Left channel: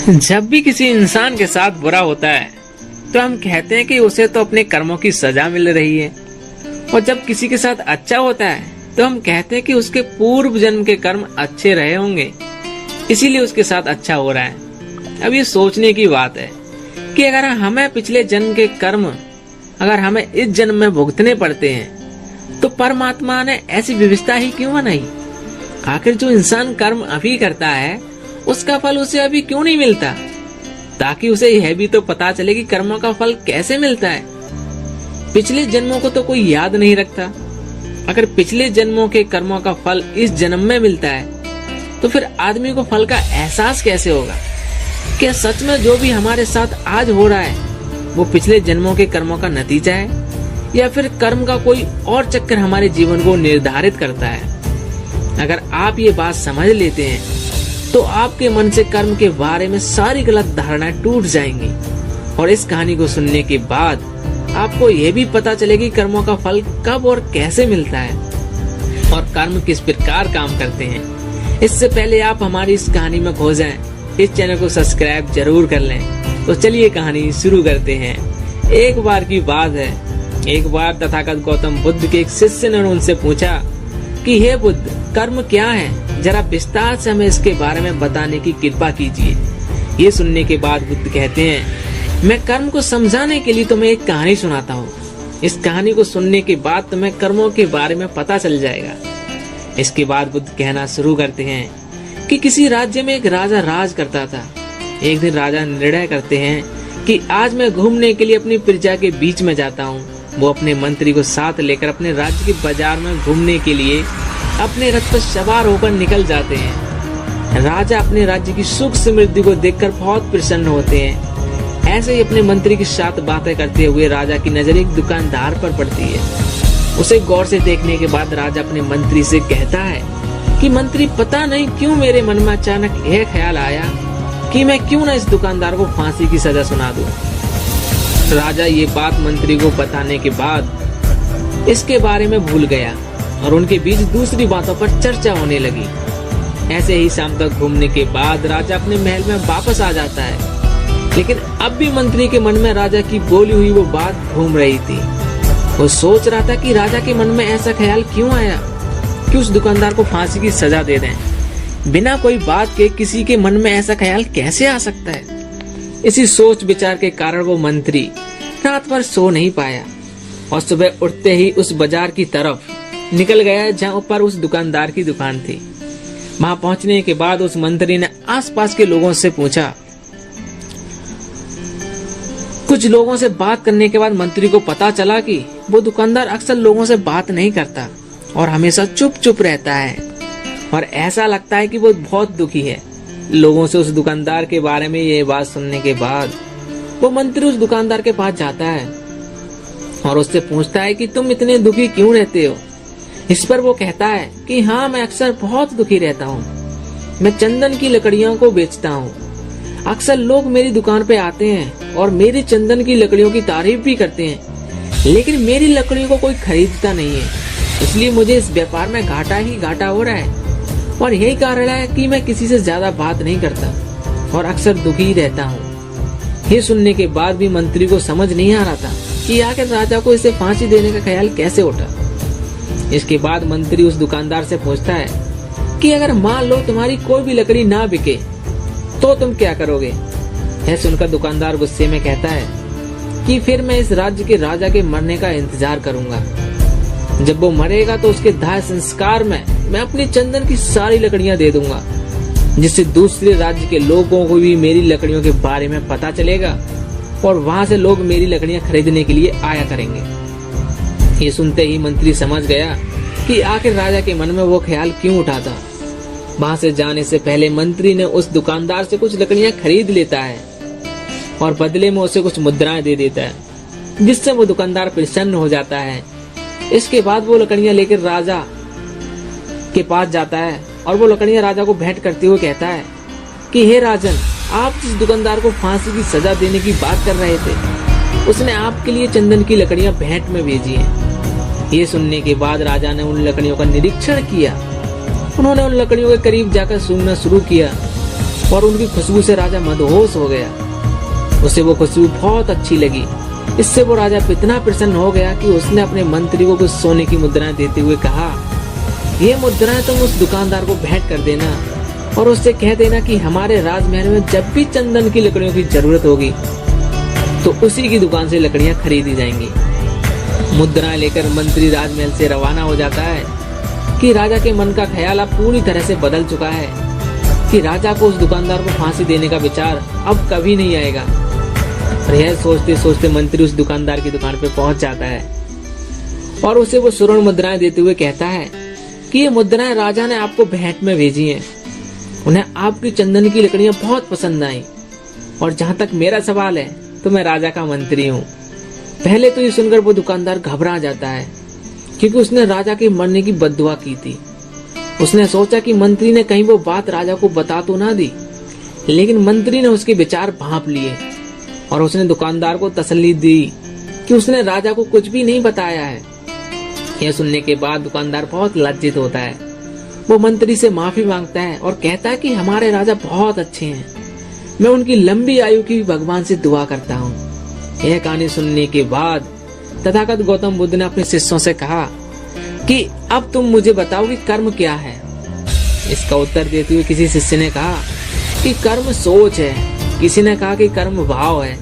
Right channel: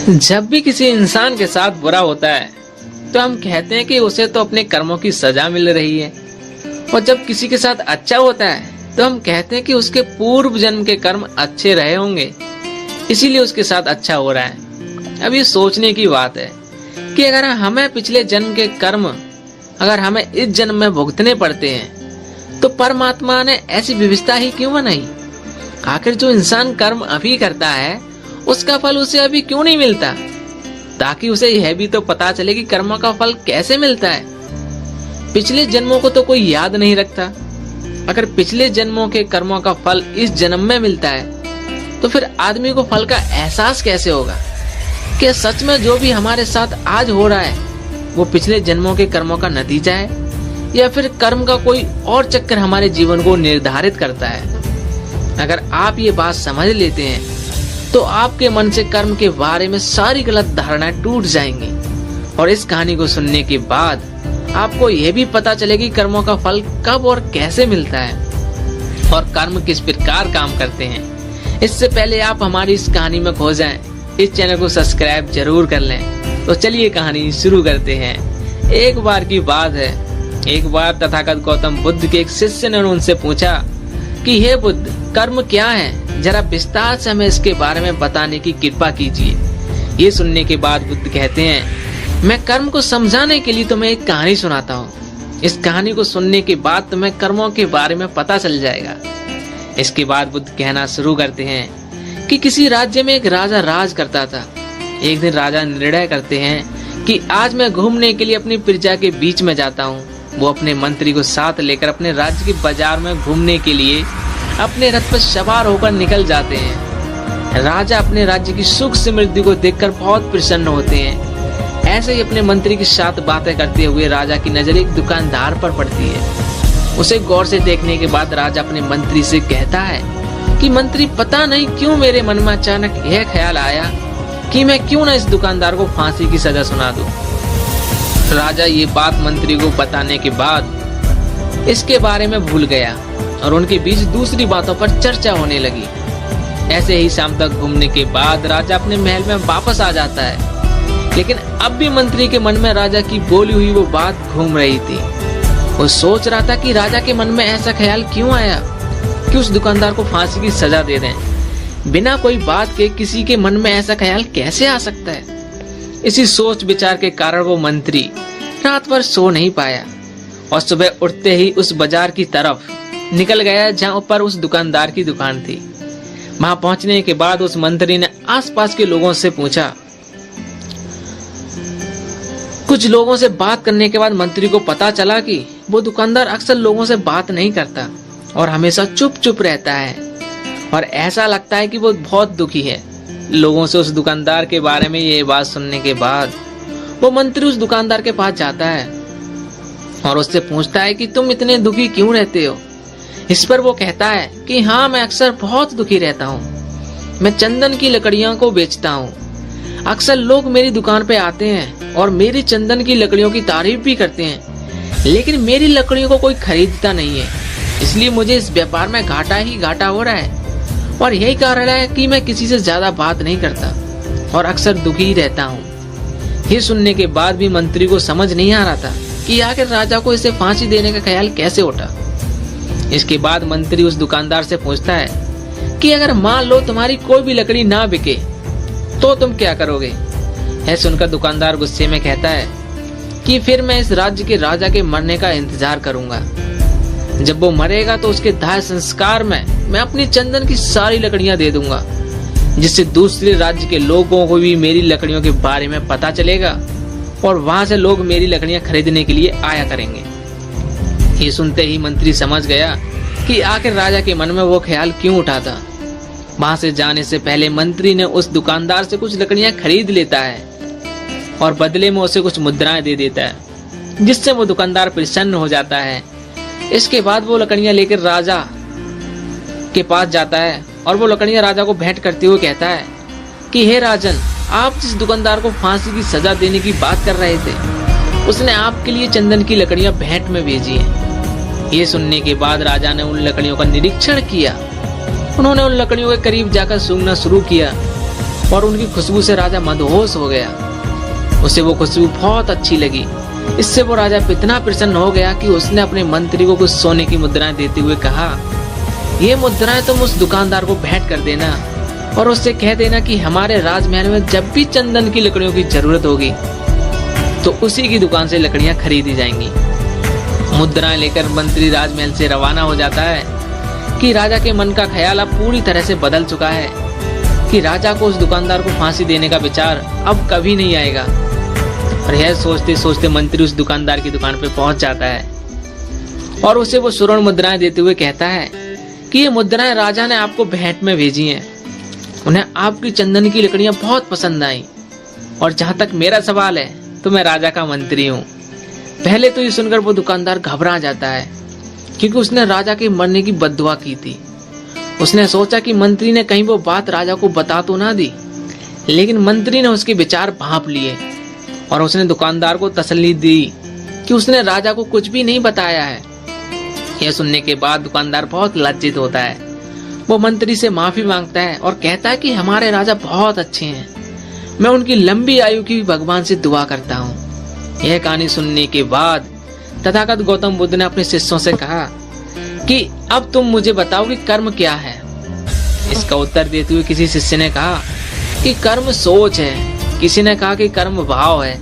जब भी किसी इंसान के साथ बुरा होता है तो हम कहते हैं कि उसे तो अपने कर्मों की सजा मिल रही है, और जब किसी के साथ अच्छा होता है तो हम कहते हैं कि उसके पूर्व जन्म के कर्म अच्छे रहे होंगे, इसीलिए उसके साथ अच्छा हो रहा है। अब ये सोचने की बात है कि अगर हमें पिछले जन्म के कर्म अगर हमें इस जन्म में भुगतने पड़ते हैं तो परमात्मा ने ऐसी व्यवस्था ही क्यों बनाई? आखिर जो इंसान कर्म अभी करता है उसका फल उसे अभी क्यों नहीं मिलता, ताकि उसे यह भी तो पता चले कि कर्म का फल कैसे मिलता है। पिछले जन्मों को तो कोई याद नहीं रखता। अगर पिछले जन्मों के कर्मों का फल इस जन्म में मिलता है तो फिर आदमी को फल का एहसास कैसे होगा कि सच में जो भी हमारे साथ आज हो रहा है वो पिछले जन्मों के कर्मों का नतीजा है, या फिर कर्म का कोई और चक्कर हमारे जीवन को निर्धारित करता है। अगर आप ये बात समझ लेते हैं तो आपके मन से कर्म के बारे में सारी गलत धारणाएं टूट जाएंगी, और इस कहानी को सुनने के बाद आपको यह भी पता चलेगी कर्मों का फल कब और कैसे मिलता है और कर्म किस प्रकार काम करते हैं। इससे पहले आप हमारी इस कहानी में खो जाएं, इस चैनल को सब्सक्राइब जरूर कर लें। तो चलिए कहानी शुरू करते हैं। एक बार की बात है, एक बार तथागत गौतम बुद्ध के एक शिष्य ने उनसे पूछा कि हे बुद्ध, कर्म क्या है, जरा विस्तार से हमें इसके बारे में बताने की कृपा कीजिए। ये सुनने के बाद बुद्ध कहते हैं, मैं कर्म को समझाने के लिए तुम्हें एक कहानी सुनाता हूँ। इस कहानी को सुनने के बाद तुम्हें कर्मों के बारे में पता चल जाएगा। इसके बाद बुद्ध कहना शुरू करते हैं कि किसी राज्य में एक राजा राज करता था। एक दिन राजा निर्णय करते हैं कि आज मैं घूमने के लिए अपनी प्रजा के बीच में जाता हूँ। वो अपने मंत्री को साथ लेकर अपने राज्य की बाजार में घूमने के लिए अपने रथ पर सवार होकर निकल जाते हैं। राजा अपने राज्य की सुख समृद्धि को देखकर बहुत प्रसन्न होते हैं। ऐसे ही अपने मंत्री के साथ बातें करते हुए राजा की नजर एक दुकानदार पर पड़ती है। उसे गौर से देखने के बाद राजा अपने मंत्री से कहता है कि मंत्री, पता नहीं क्यों मेरे मन में अचानक यह ख्याल आया कि मैं क्यों न इस दुकानदार को फांसी की सजा सुना दूं। राजा ये बात मंत्री को बताने के बाद इसके बारे में भूल गया और उनके बीच दूसरी बातों पर चर्चा होने लगी। ऐसे ही शाम तक घूमने के बाद राजा अपने महल में वापस आ जाता है, लेकिन अब भी मंत्री के मन में राजा की बोली हुई वो बात घूम रही थी। वो सोच रहा था कि राजा के मन में ऐसा ख्याल क्यों आया कि उस दुकानदार को फांसी की सजा दे दें। बिना कोई बात के किसी के मन में ऐसा ख्याल कैसे आ सकता है? इसी सोच विचार के कारण वो मंत्री रात भर सो नहीं पाया और सुबह उठते ही उस बाजार की तरफ निकल गया जहाँ पर उस दुकानदार की दुकान थी। वहां पहुंचने के बाद उस मंत्री ने आसपास के लोगों से पूछा। कुछ लोगों से बात करने के बाद मंत्री को पता चला कि वो दुकानदार अक्सर लोगों से बात नहीं करता और हमेशा चुप चुप रहता है, और ऐसा लगता है कि वो बहुत दुखी है। लोगों से उस दुकानदार के बारे में ये बात सुनने के बाद वो मंत्री उस दुकानदार के पास जाता है और उससे पूछता है कि तुम इतने दुखी क्यों रहते हो। इस पर वो कहता है कि हाँ, मैं अक्सर बहुत दुखी रहता हूँ। मैं चंदन की लकड़ियों को बेचता हूँ। अक्सर लोग मेरी दुकान पे आते हैं और मेरी चंदन की लकड़ियों की तारीफ भी करते हैं, लेकिन मेरी लकड़ियों को कोई खरीदता नहीं है। इसलिए मुझे इस व्यापार में घाटा ही घाटा हो रहा है, और यही कारण है कि मैं किसी से ज्यादा बात नहीं करता और अक्सर दुखी ही रहता हूँ। ये सुनने के बाद भी मंत्री को समझ नहीं आ रहा था कि आखिर राजा को इसे फांसी देने का ख्याल कैसे उठा। इसके बाद मंत्री उस दुकानदार से पूछता है कि अगर मान लो तुम्हारी कोई भी लकड़ी ना बिके तो तुम क्या करोगे? यह सुनकर दुकानदार गुस्से में कहता है कि फिर मैं इस राज्य के राजा के मरने का इंतजार करूंगा। जब वो मरेगा तो उसके दाह संस्कार में मैं अपनी चंदन की सारी लकड़ियां दे दूंगा, जिससे दूसरे राज्य के लोगों को भी मेरी लकड़ियों के बारे में पता चलेगा और वहां से लोग मेरी लकड़ियां खरीदने के लिए आया करेंगे। ये सुनते ही मंत्री समझ गया कि आखिर राजा के मन में वो ख्याल क्यों उठा था। वहां से जाने से पहले मंत्री ने उस दुकानदार से कुछ लकड़ियां खरीद लेता है और बदले में उसे कुछ मुद्राएं दे देता है, जिससे वो दुकानदार प्रसन्न हो जाता है। इसके बाद वो लकड़ियां लेकर राजा के पास जाता है और वो लकड़ियां राजा को भेंट करते हुए कहता है कि हे राजन, आप जिस दुकानदार को फांसी की सजा देने की बात कर रहे थे उसने आपके लिए चंदन की लकड़ियां भेंट में भेजी है। ये सुनने के बाद राजा ने उन लकड़ियों का निरीक्षण किया। उन्होंने उन लकड़ियों के करीब जाकर सूंघना शुरू किया और उनकी खुशबू से राजा मदहोश हो गया। उसे वो खुशबू बहुत अच्छी लगी। इससे वो राजा इतना प्रसन्न हो गया कि उसने अपने मंत्री को कुछ सोने की मुद्राएं देते हुए कहा, ये मुद्राएं तुम उस दुकानदार को भेंट कर देना और उससे कह देना कि हमारे राजमहल में जब भी चंदन की लकड़ियों की जरूरत होगी तो उसी की दुकान से लकड़ियां खरीदी जाएंगी। मुद्राएं लेकर मंत्री राजमहल से रवाना हो जाता है कि राजा के मन का ख्याल अब पूरी तरह से बदल चुका है कि राजा को उस दुकानदार को फांसी देने का विचार अब कभी नहीं आएगा। और यह सोचते सोचते मंत्री उस दुकानदार की दुकान पर पहुंच जाता है और उसे वो स्वर्ण मुद्राएं देते हुए कहता है कि ये मुद्राएं राजा ने आपको भेंट में भेजी हैं। उन्हें आपकी चंदन की लकड़ियां बहुत पसंद आई और जहां तक मेरा सवाल है तो मैं राजा का मंत्री हूँ। पहले तो ये सुनकर वो दुकानदार घबरा जाता है क्योंकि उसने राजा के मरने की बद्दुआ की थी। उसने सोचा कि मंत्री ने कहीं वो बात राजा को बता तो ना दी, लेकिन मंत्री ने उसके विचार भांप लिए और उसने दुकानदार को तसल्ली दी कि उसने राजा को कुछ भी नहीं बताया है। यह सुनने के बाद दुकानदार बहुत लज्जित होता है। वो मंत्री से माफी मांगता है और कहता है कि हमारे राजा बहुत अच्छे हैं, मैं उनकी लंबी आयु की भगवान से दुआ करता हूँ। यह कहानी सुनने के बाद तथागत गौतम बुद्ध ने अपने शिष्यों से कहा कि अब तुम मुझे बताओ कि कर्म क्या है। इसका उत्तर देते हुए किसी शिष्य ने कहा कि कर्म सोच है, किसी ने कहा कि कर्म भाव है,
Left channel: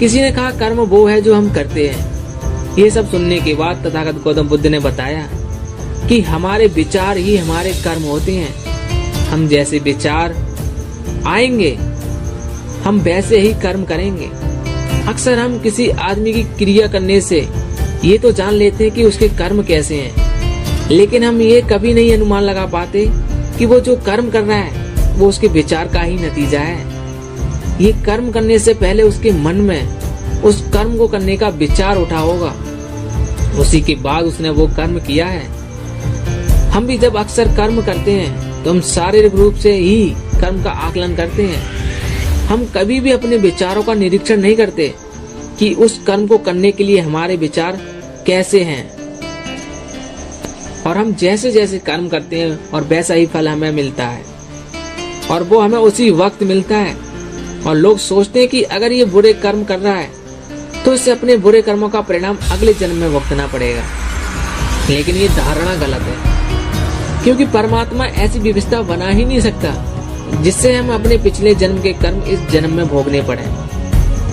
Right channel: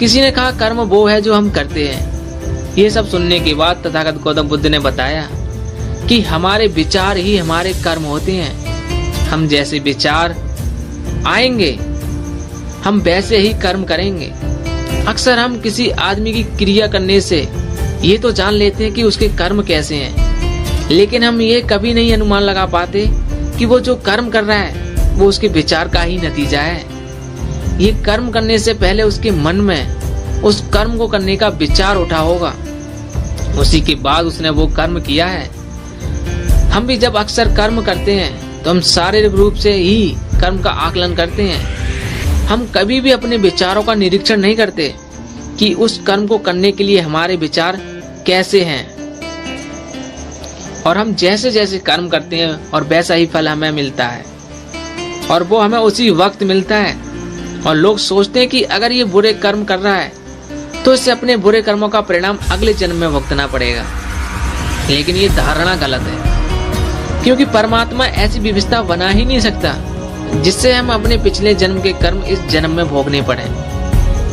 किसी ने कहा कर्म वो है जो हम करते हैं। ये सब सुनने के बाद तथागत गौतम बुद्ध ने बताया कि हमारे विचार ही हमारे कर्म होते हैं। हम जैसे विचार आएंगे हम वैसे ही कर्म करेंगे। अक्सर हम किसी आदमी की क्रिया करने से ये तो जान लेते हैं कि उसके कर्म कैसे हैं, लेकिन हम ये कभी नहीं अनुमान लगा पाते कि वो जो कर्म कर रहा है वो उसके विचार का ही नतीजा है। ये कर्म करने से पहले उसके मन में उस कर्म को करने का विचार उठा होगा, उसी के बाद उसने वो कर्म किया है। हम भी जब अक्सर कर्म करते हैं तो हम शारीरिक रूप से ही कर्म का आकलन करते हैं। हम कभी भी अपने विचारों का निरीक्षण नहीं करते कि उस कर्म को करने के लिए हमारे विचार कैसे हैं। और हम जैसे जैसे कर्म करते हैं और वैसा ही फल हमें मिलता है और वो हमें उसी वक्त मिलता है। और लोग सोचते हैं कि अगर ये बुरे कर्म कर रहा है तो इससे अपने बुरे कर्मों का परिणाम अगले जन्म में भुगतना पड़ेगा, लेकिन ये धारणा गलत है, क्योंकि परमात्मा ऐसी व्यवस्था बना ही नहीं सकता जिससे हम अपने पिछले जन्म के कर्म इस जन्म में भोगने पड़े।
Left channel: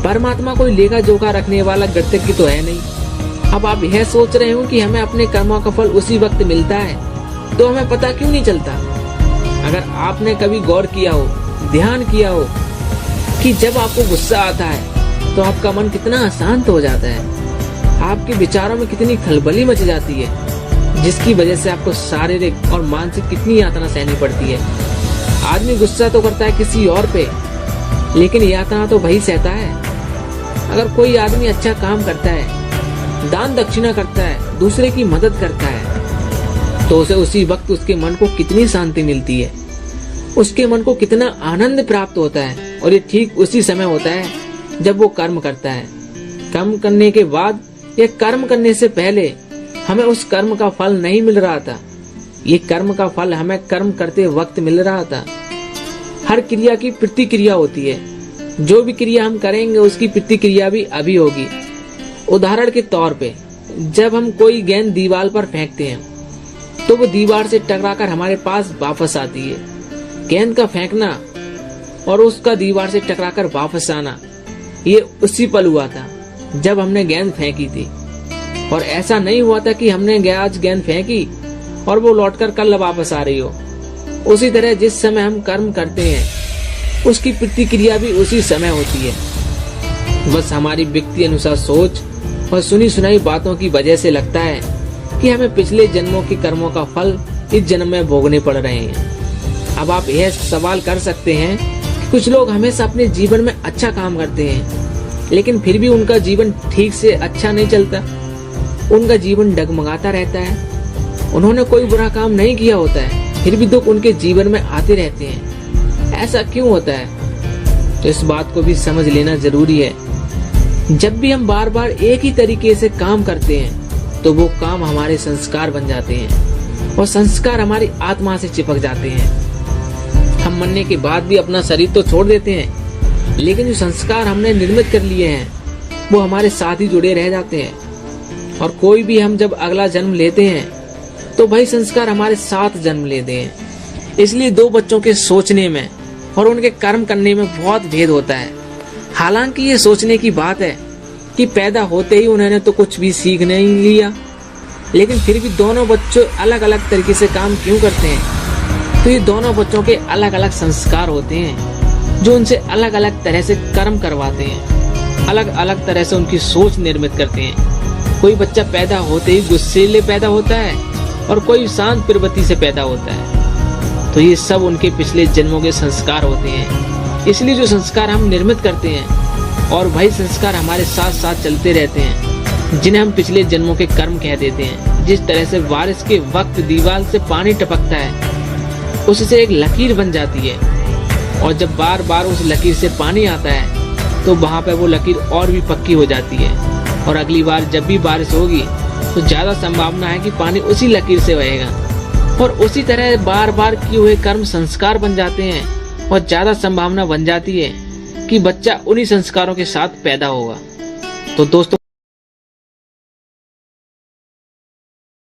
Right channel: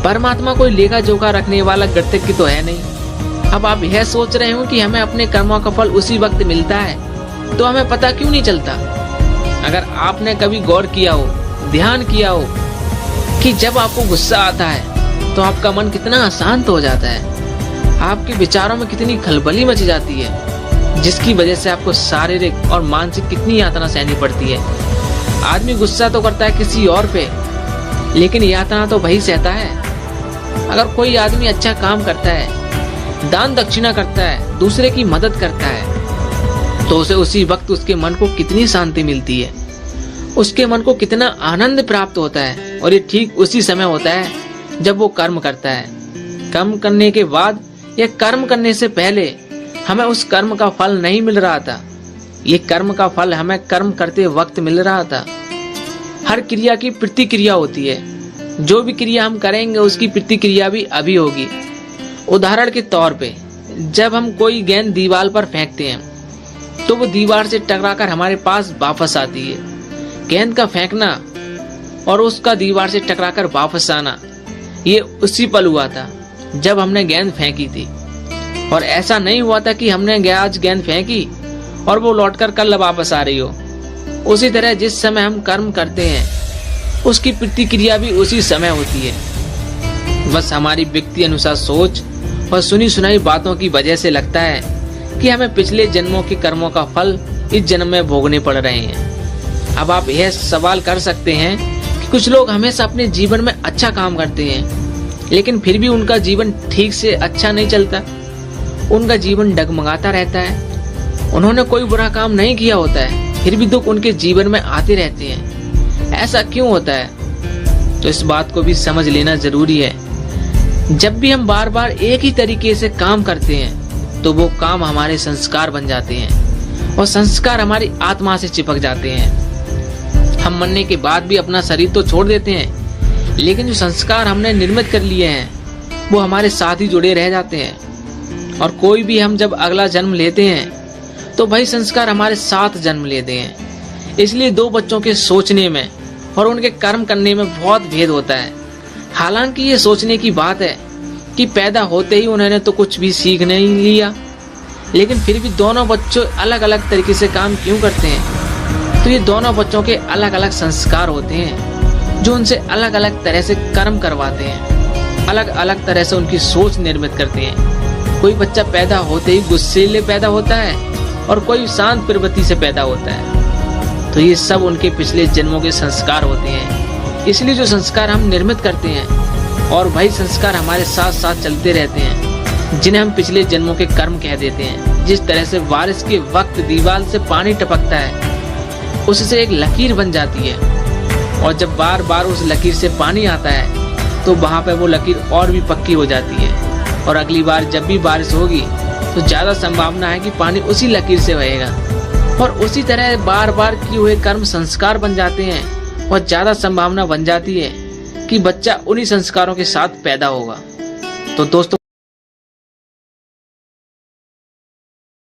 परमात्मा कोई लेखा जोखा रखने वाला गृहस्थी तो है नहीं। अब आप यह सोच रहे हो कि हमें अपने कर्मों का फल उसी वक्त मिलता है, तो हमें पता क्यों नहीं चलता? अगर आपने कभी गौर किया हो, ध्यान किया हो कि जब आपको गुस्सा आता है तो आपका मन कितना अशांत हो जाता है, आपके विचारों में कितनी खलबली मच जाती है, जिसकी वजह से आपको शारीरिक और मानसिक कितनी यातना सहनी पड़ती है। आदमी गुस्सा तो करता है किसी और पे, लेकिन यातना तो वही सहता है। अगर कोई आदमी अच्छा काम करता है, दान दक्षिणा करता है, दूसरे की मदद करता है, तो उसे उसी वक्त उसके मन को कितनी शांति मिलती है, उसके मन को कितना आनंद प्राप्त होता है। और ये ठीक उसी समय होता है जब वो कर्म करता है। कर्म करने के बाद या कर्म करने से पहले हमें उस कर्म का फल नहीं मिल रहा था, ये कर्म का फल हमें कर्म करते वक्त मिल रहा था। हर क्रिया की प्रतिक्रिया होती है, जो भी क्रिया हम करेंगे उसकी प्रतिक्रिया भी अभी होगी। उदाहरण के तौर पे जब हम कोई गेंद दीवार पर फेंकते हैं तो वो दीवार से टकराकर हमारे पास वापस आती है। गेंद का फेंकना और उसका दीवार से टकराकर वापस आना, ये उसी पल हुआ था जब हमने गेंद फेंकी थी। और ऐसा नहीं हुआ था कि हमने आज गेंद फेंकी और वो लौटकर कल वापस आ रही हो। उसी तरह जिस समय हम कर्म करते हैं उसकी प्रतिक्रिया भी उसी समय होती है। बस हमारी व्यक्ति अनुसार सोच और सुनी सुनाई बातों की वजह से लगता है कि हमें पिछले जन्मों के कर्मों का फल इस जन्म में भोगने पड़ रहे हैं। अब आप यह सवाल कर सकते हैं कि कुछ लोग हमेशा अपने जीवन में अच्छा काम करते हैं, लेकिन फिर भी उनका जीवन ठीक से अच्छा नहीं चलता, उनका जीवन डगमगाता रहता है। उन्होंने कोई बुरा काम नहीं किया होता है, फिर भी दुख उनके जीवन में आते रहते हैं। ऐसा क्यों होता है? तो इस बात को भी समझ लेना जरूरी है। जब भी हम बार बार एक ही तरीके से काम करते हैं तो वो काम हमारे संस्कार बन जाते हैं और संस्कार हमारी आत्मा से चिपक जाते हैं। हम मरने के बाद भी अपना शरीर तो छोड़ देते हैं, लेकिन जो संस्कार हमने निर्मित कर लिए हैं वो हमारे साथ ही जुड़े रह जाते हैं। और कोई भी हम जब अगला जन्म लेते हैं तो वही संस्कार हमारे साथ जन्म लेते हैं। इसलिए दो बच्चों के सोचने में और उनके कर्म करने में बहुत भेद होता है। हालांकि ये सोचने की बात है कि पैदा होते ही उन्होंने तो कुछ भी सीख नहीं लिया, लेकिन फिर भी दोनों बच्चे अलग अलग तरीके से काम क्यों करते हैं? तो ये दोनों बच्चों के अलग अलग संस्कार होते हैं जो उनसे अलग अलग तरह से कर्म करवाते हैं, अलग अलग तरह से उनकी सोच निर्मित करते हैं। कोई बच्चा पैदा होते ही गुस्सैले पैदा होता है और कोई शांत प्रवृत्ति से पैदा होता है। तो ये सब उनके पिछले जन्मों के संस्कार होते हैं। इसलिए जो संस्कार हम निर्मित करते हैं और वही संस्कार हमारे साथ साथ चलते रहते हैं, जिन्हें हम पिछले जन्मों के कर्म कह देते हैं। जिस तरह से बारिश के वक्त दीवार से पानी टपकता है, उससे एक लकीर बन जाती है, और जब बार बार उस लकीर से पानी आता है तो वहाँ पर वो लकीर और भी पक्की हो जाती है, और अगली बार जब भी बारिश होगी तो ज्यादा संभावना है कि पानी उसी लकीर से बहेगा। और उसी तरह बार बार किए हुए कर्म संस्कार बन जाते हैं, और ज्यादा संभावना बन जाती है कि बच्चा उन्हीं संस्कारों के साथ पैदा होगा। तो दोस्तों,